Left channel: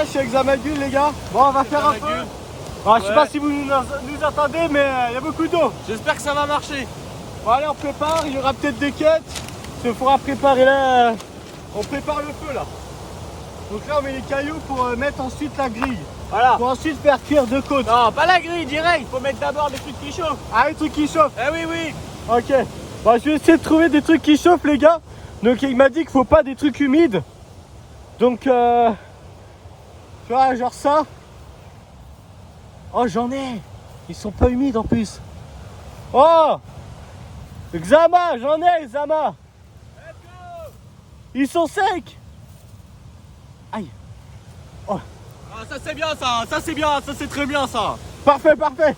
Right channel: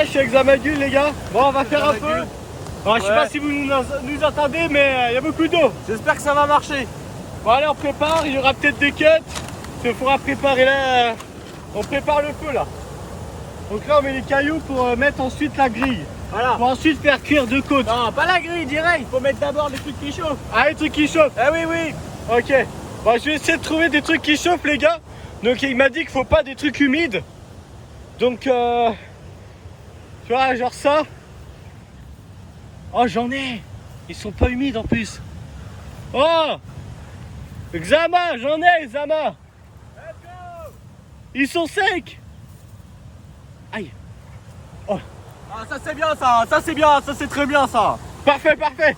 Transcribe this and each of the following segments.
Je suis avec Zamagul les gars. Bon on va faire un peu. Bon, je sais pas si vous nous entendez mais il y a beaucoup d'eau. J'espère que ça va marcher. Bon allez on prépare, il y aura peut-être des cuts. Il faudra préparer là. On prépare le feu là. Donc là on met les cailloux pour mettre ensuite la grille. Voilà. Pour ensuite faire cuire 2 côtes. Non pas la grille direct, faut mettre d'abord des trucs qui chauffent. Ah les trucs qui chauffent. Ah oui oui. Ok. Bon je vais essayer de trouver des trucs qui chauffent les gars. Donc il m'a dit qu'il faut pas des trucs humides. Donc tu vois genre ça. Oh j'en ai. Ils sont pas humides en plus. Oh Xama, j'en ai Xama. Let's go. Ils sont secs. Aïe. Oh. Ah ça c'est bien ça c'est bien, ça c'est très bien ça. Parfait, parfait.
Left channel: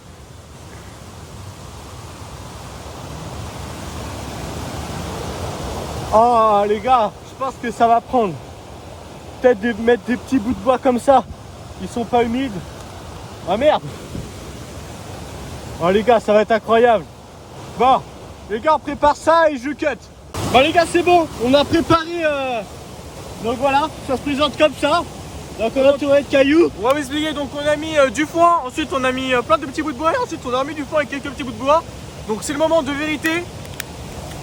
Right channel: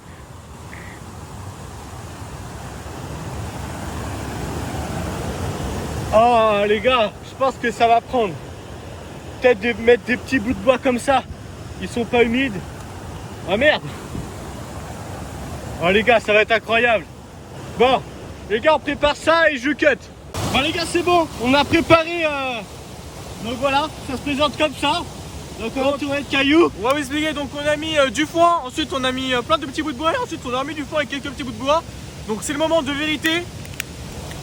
Oh les gars, je pense que ça va prendre. Peut-être de mettre des petits bouts de bois comme ça. Ils sont pas humides. Ah merde. Oh les gars, ça va être incroyable. Bon, les gars, on prépare ça et je cut. Bon les gars, c'est bon. On a préparé. Donc voilà, ça se présente comme ça. Donc on va entourer de cailloux. On va vous expliquer, donc on a mis du foin, ensuite on a mis plein de petits bouts de bois et ensuite on a mis du foin avec quelques petits bouts de bois. Donc c'est le moment de vérité.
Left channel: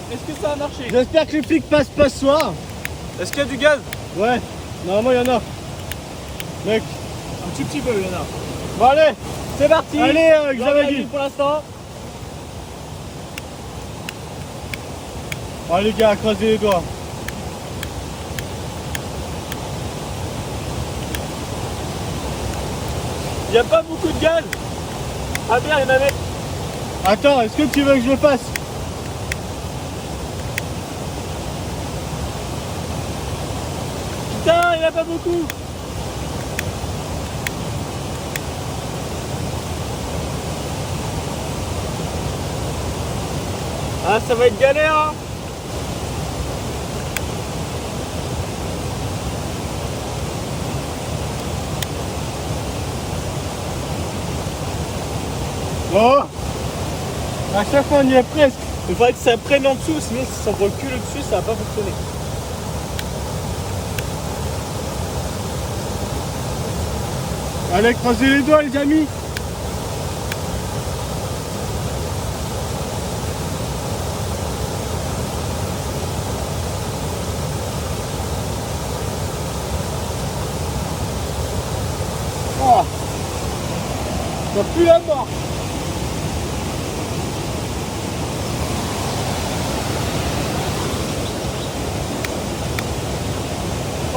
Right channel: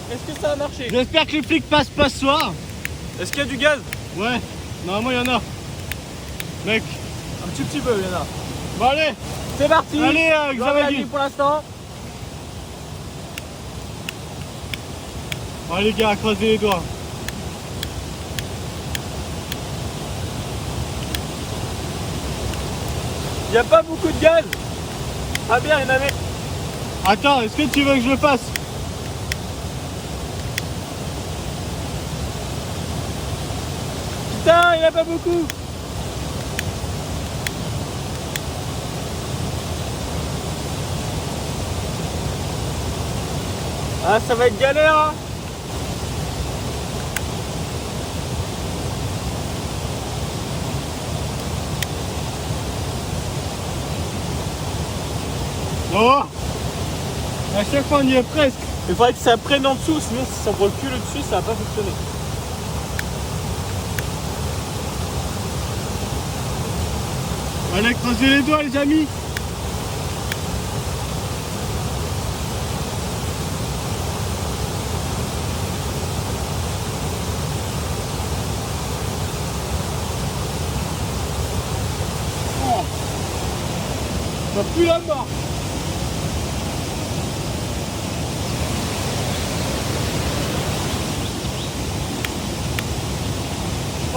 Est-ce que ça a marché? J'espère que les flics passent pas ce soir. Est-ce qu'il y a du gaz? Ouais, normalement il y en a. Mec. Un petit peu il y en a. Bon allez, C'est parti. allez Xamaguil pour l'instant. Oh les gars, croisez les doigts. Il n'y a pas beaucoup de gaz. Ah bien, il y en avait. Attends, est-ce que tu veux que je le passe? Putain, il n'y en a pas beaucoup. Ah, ça va être galère hein. Oh, à chaque fois on y est presque. Il faudrait que ça prenne en dessous, sinon si on voit le cul dessus, ça va pas fonctionner. Allez, croisez les doigts les amis. Oh, ça pue la mort.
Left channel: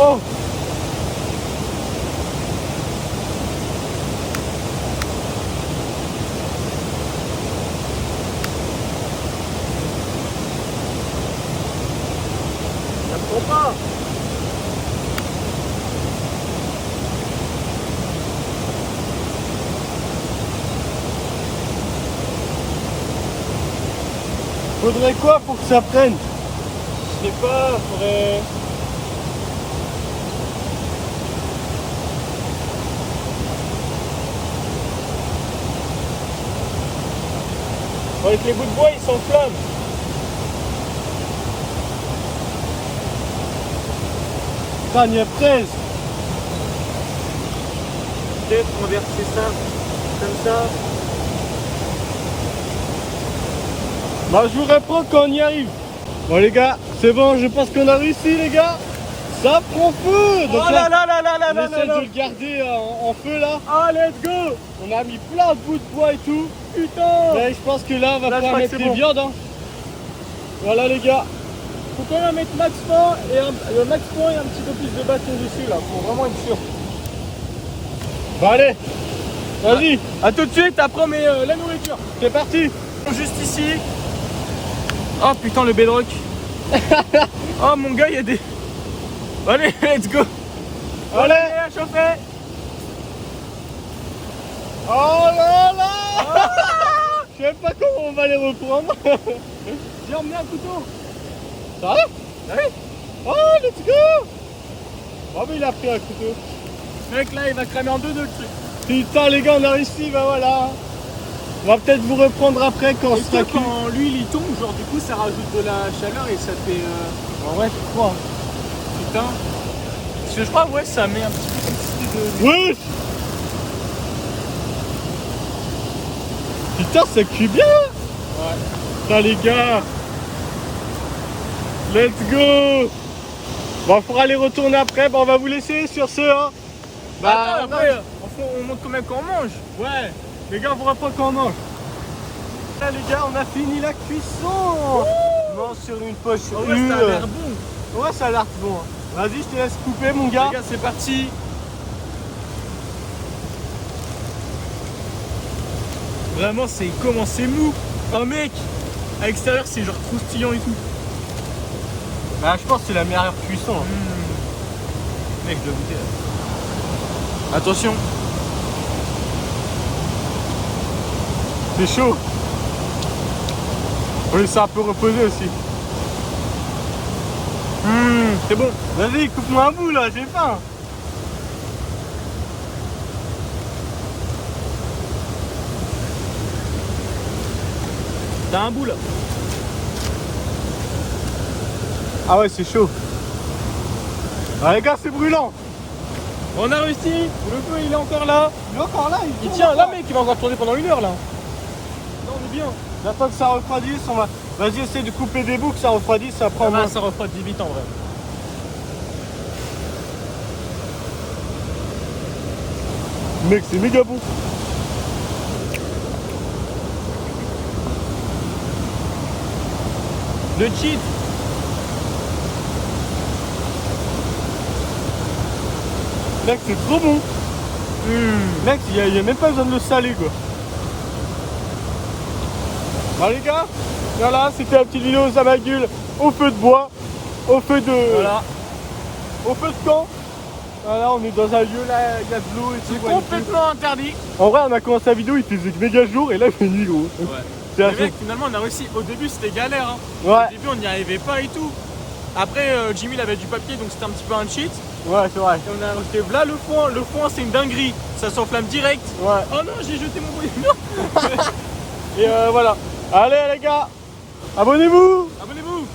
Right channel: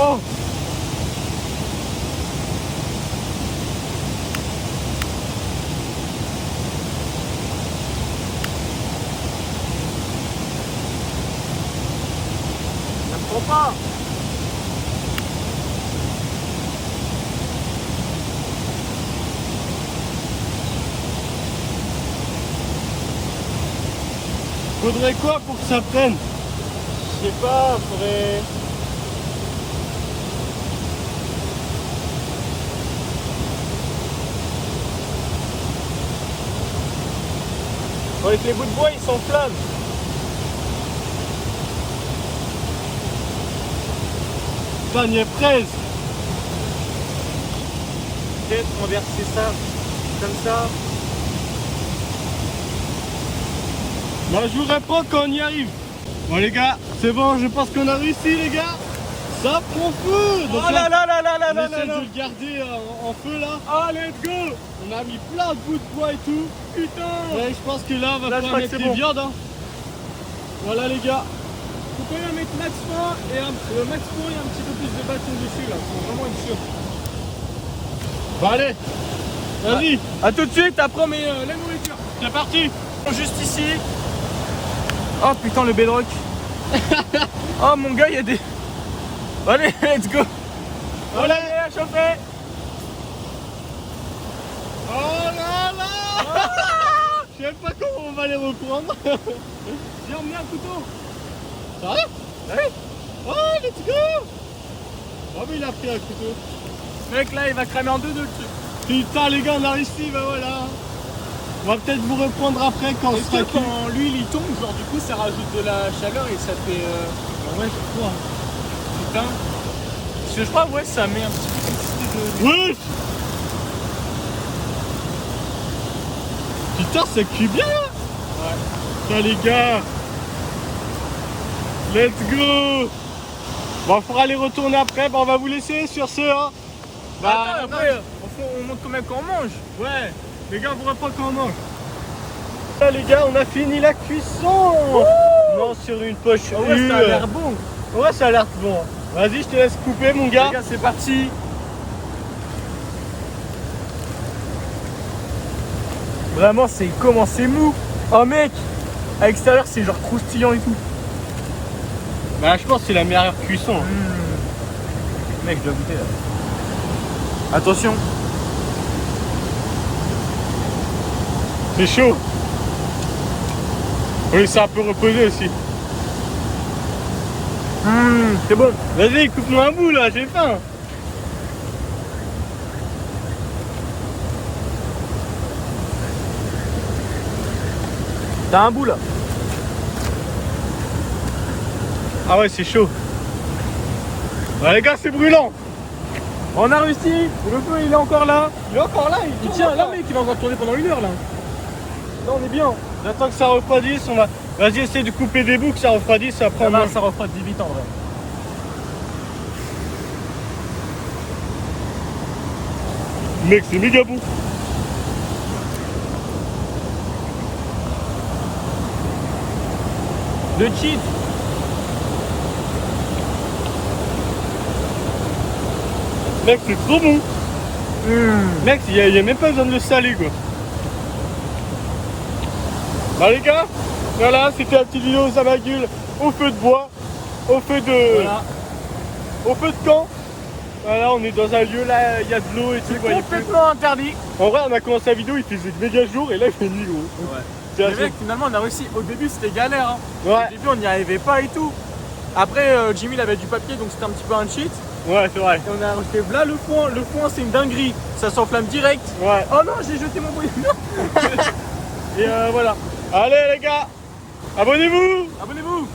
Oh, Ça me prend pas. faudrait quoi pour que ça prenne? Je sais pas, faudrait. Avec les bouts de bois, ils s'enflamment. Ça on y est presque. Peut-être renverser ça comme ça. Bah je vous reprends quand on y arrive. Bon les gars, c'est bon, je pense qu'on a réussi les gars. Ça prend feu. Donc Oh là là là là là on là essaie là de là. le garder en feu là. Ah, let's go. On a mis plein de bouts de bois et tout. Putain. Ouais, je pense que là on va Là, je pouvoir crois que mettre c'est des bon. viandes hein. Voilà les gars. Faut quand même mettre max fond et le max fond et un petit peu plus de bâton dessus là, pour vraiment être sûr. Bon allez, vas-y, A tout de suite, après on met la nourriture. c'est parti. Juste ici. Oh putain le bedrock. Oh mon gars, il y a des. Allez, let's go. Allez. à chauffer. Oh là là. Je sais même pas comment on va les reprendre. J'ai emmené un couteau. Ça va? Ouais. Oh let's go. Oh mais il a pris un couteau. Ce mec là, il va cramer en deux le truc. Putain les gars, on a réussi, bah voilà. On va peut-être vous reprendre après quand on Est-ce sera que quand l'huile il tombe, genre du coup ça rajoute de la chaleur et ça fait. Ouais, je crois. Putain. Parce que je crois, ouais, ça met un petit peu d'électricité de... Wesh. Putain, ça cuit bien. Ouais. Putain, les gars. Let's go. Bon, faudra les retourner après. Bon, on va vous laisser sur ce. Hein. Bah, après, on montre quand même quand on mange. Ouais, les gars, on vous reprend quand on mange. Là, les gars, on a fini la cuisson. Non, sur une poche. Ah ouais, ça a l'air bon. Ouais, ça a l'air bon. Vas-y, je te laisse couper, mon gars. Les gars, c'est parti. Vraiment, c'est mou. Oh mec, à l'extérieur, c'est genre croustillant et tout. Bah, je pense que c'est la meilleure cuisson. Mec, je dois goûter là. Attention. C'est chaud. On laisse ça un peu reposer aussi. C'est bon. Vas-y, coupe-moi un bout là, j'ai faim. T'as un bout là. Ah ouais, c'est chaud. Ah, les gars, c'est brûlant. On a réussi. Le feu, il est encore là. Il est encore là. Il tient. Là, mec, il va encore tourner pendant 1 heure là. Là, on est bien. J'attends que ça refroidisse. On va... Vas-y, essaie de couper des bouts, que ça refroidisse. Ça prend moins. Ça refroidit vite en vrai. Mec, c'est méga bon. Le cheat. Mec, c'est trop bon. Mec, il y a même pas besoin de le saler quoi. Bah les gars, voilà, c'était la petite vidéo Zamagul au feu de bois, au feu de... Voilà. Au feu de camp. Voilà, on est dans un lieu là, il y a de l'eau et tout. C'est complètement interdit. En vrai, on a commencé la vidéo, il faisait méga jour et là il fait nuit gros. Ouais. C'est Mais mec, finalement, on a réussi. Au début, c'était galère. Hein. Ouais. Au début, on n'y arrivait pas et tout. Après, Jimmy, il avait du papier, donc c'était un petit peu un cheat. Ouais, c'est vrai. Et on a rajouté là le foin. Le foin, c'est une dinguerie. Ça s'enflamme direct. Ouais. Oh non, j'ai jeté mon bouillon. Et voilà. Allez les gars, abonnez-vous. Abonnez-vous.